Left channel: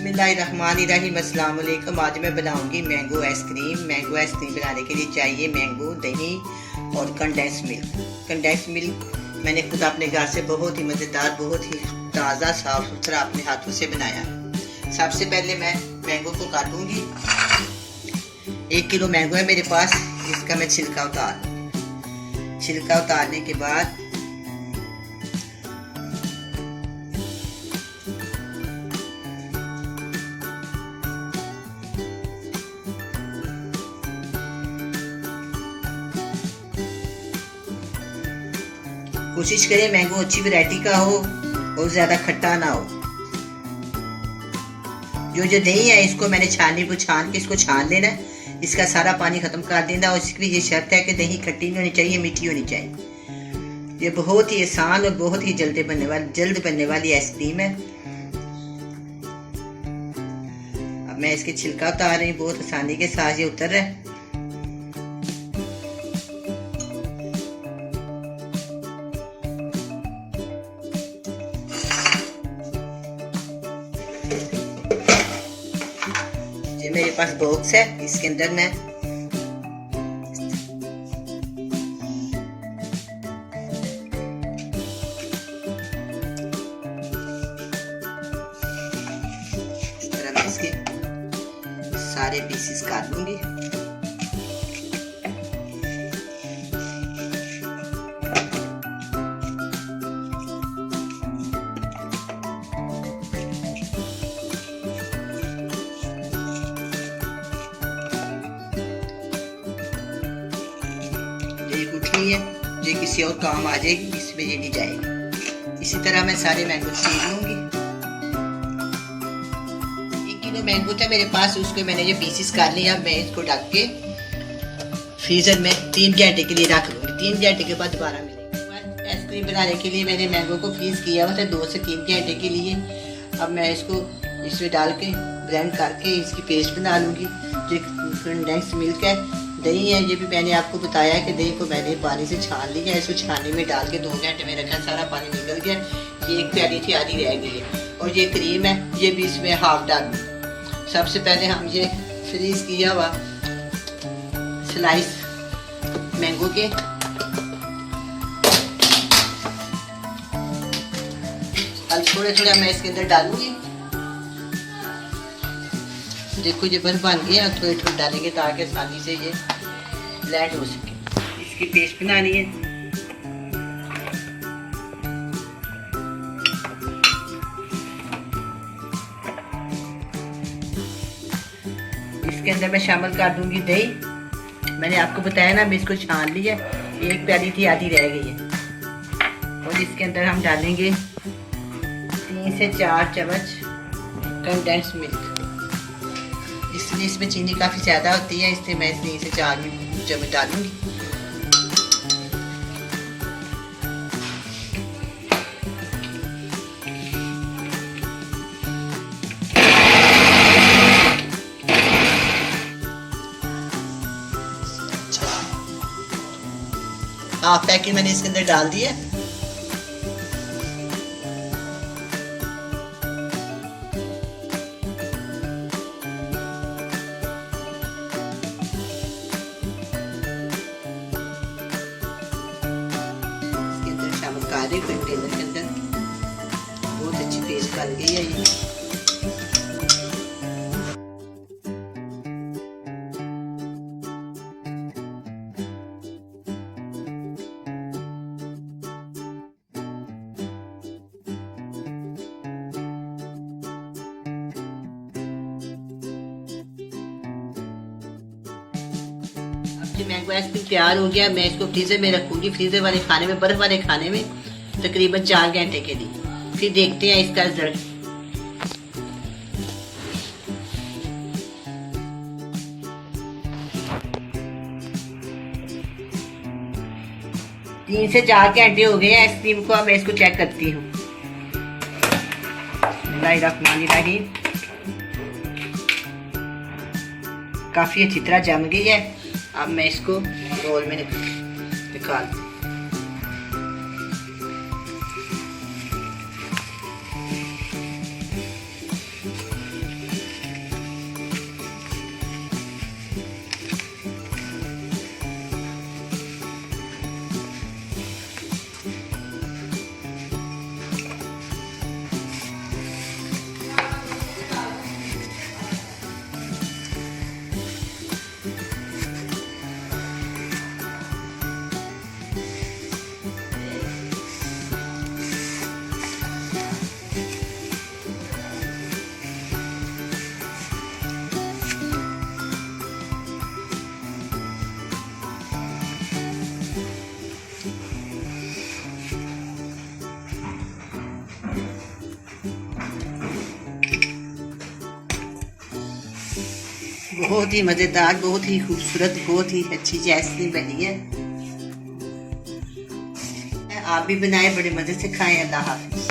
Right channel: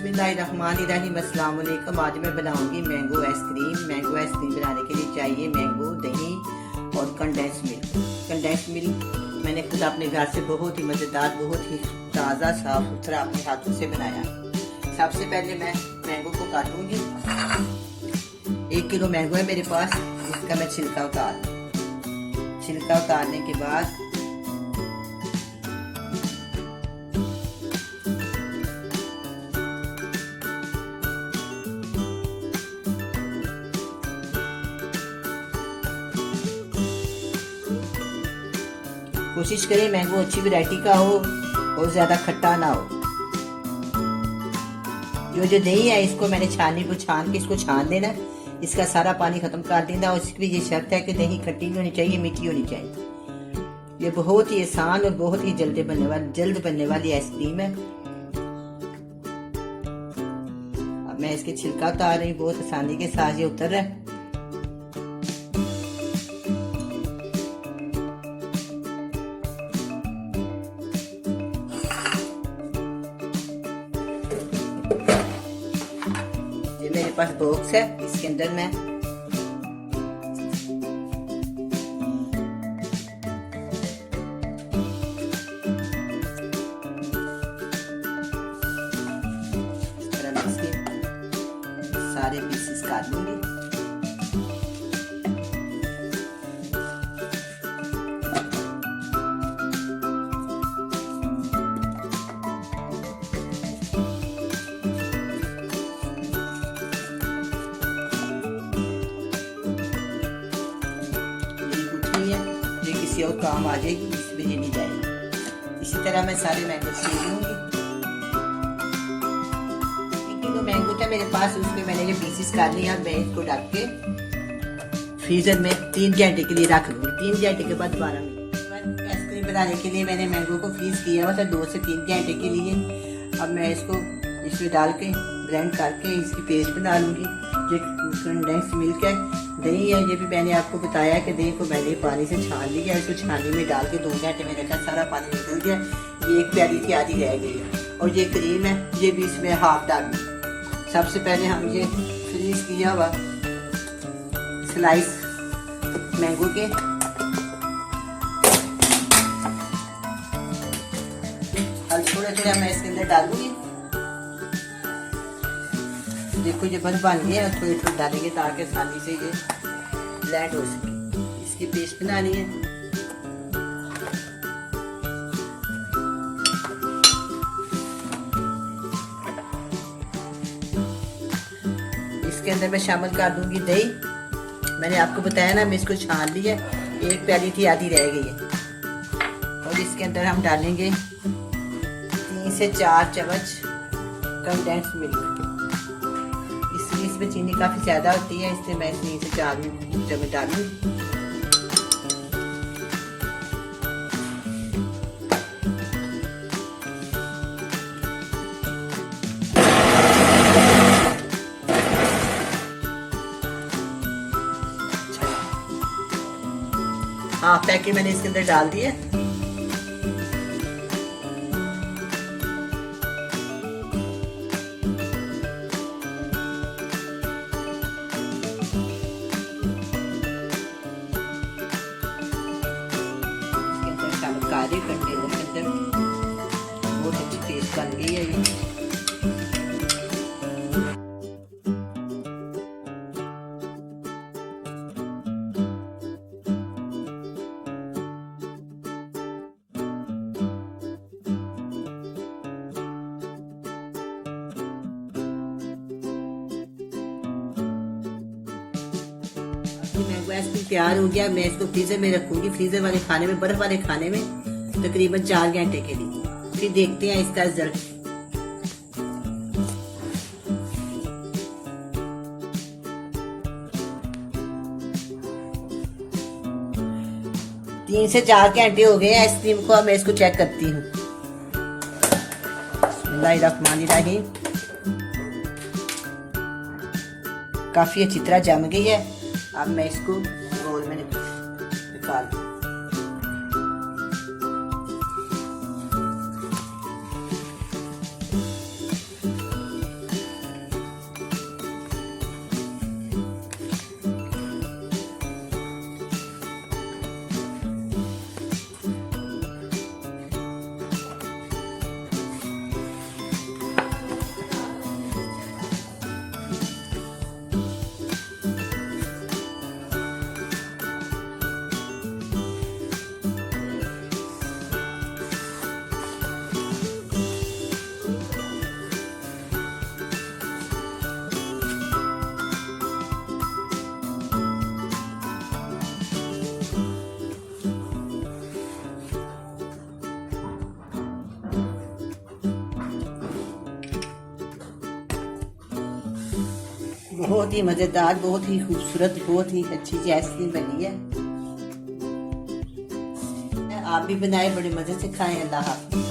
बिस्मिल्लाहिर्रहमानिर्रहीम। अस्सलाम वालेकुम। आज मैं बनाऊंगी मैंगो आइसक्रीम। मैंगो आइसक्रीम बनाने के लिए चाहिए मैंगो, दही और कंडेंस मिल्क। कंडेंस मिल्क मैंने खुद अपने घर से बहुत ही मज़ेदार, बहुत ही ताज़ा, साफ सुथरा अपने हाथों से बनाया। सबसे पहले मैं मैंगो को काटूंगी। 1 किलो मैंगो है मेरे पास, इसका मैं छिलका उतारने के बाद कोशिश करें मैंगो अच्छी वैरायटी का हो और ज्यादा खट्टा ना हो। जो दही है इसको मैंने छान के इसको छान लेना, इसका सारा पानी खत्म कर देना। और इसकी ये शर्त है कि दही खट्टी नहीं होनी चाहिए, मीठी होनी चाहिए। ये बहुत ही आसान और बहुत ही जल्द बनने वाली आइसक्रीम है। अब मैं इसके छिलका उतार रही हूँ, बहुत आसानी के साथ ये उतर रहा है। मेरे पास बॉक्स है, इसके अंदर मैं इस तरह मैं इसके सारे पीसेस काट लूंगी। है जो किसी और काम आ जाएगी, इसमें ये नहीं जाएगी। इसी तरह मैं सारे मैंगो छील लूंगी। 1 किलो मैंगो था मेरे पास, उसके मैंने ये पीसेस कर लिए। अब मैं इसको ढक के फ्रीजर में 3 घंटे के लिए रख लूंगी। 3 घंटे के बाद दोबारा मिलेगी। आइसक्रीम बनाने के लिए मैंने मैंगो को फ्रीज किया हुआ था 2 से 3 घंटे के लिए। अब मैं इसको इसमें डाल के ब्लेंड करके इसकी पेस्ट बना लूंगी। जो कंडेंस मिल्क है, दही है, ये भी मैंने आपको बताया है कि दही को मैंने पानी से छान लिया है। इसको छानने में डाल के 2 घंटे में रखा, सारा पानी निकल गया। ये एक प्याली थी आधी रह गई है। और ये क्रीम है, ये भी इसमें हाफ डाल। सबसे पहले हम ये फ्रीज किया हुआ स्लाइस मैंगो के थोड़ा मैं इसके अंदर डालूंगी। देखो ये बन गया, थोड़े डालेंगे ताकि आसानी से ये ब्लेंड हो सके। इसकी पेस्ट बनानी है। इसके अंदर मैं शामिल कर दूंगी दही। मैंने आपको बताया ना, मैं इसको छान लिया, 1 प्याली थी आधी रह गई है। और इसके अंदर हम डालेंगे 3 से 4 चम्मच कंडेंस मिल्क। इसलिए इसमें चीनी काफ़ी ज़्यादा होती है, इसलिए मैं 3 से 4 चम्मच डालूंगी। हाफ पैकेट मैंने इसके अंदर डाल दिया। काले कंटेनर के अंदर बहुत अच्छी पेस्ट बन गई है ये। मैंगो आइसक्रीम तैयार हो गया। मैं इसको फ्रीजर में रखूंगी, फ्रीजर वाले खाने में, बर्फ वाले खाने में तकरीबन 4 घंटे के लिए। फिर देखते हैं इसका रिजल्ट। तीन से 4 घंटे हो गए आइसक्रीम को। अब मैं इसको चेक करती हूँ। बिस्मिल्लाहिर्रहमानिर्रहीम। काफी अच्छी तरह जम गई है। अब मैं इसको बोल में निकाल दूँ। बहुत ही मज़ेदार, बहुत ही खूबसूरत, बहुत ही अच्छी सी आइसक्रीम बनी है। आप भी बनाए, बड़े मज़े से खाएं। अल्लाह हाफ़िज़।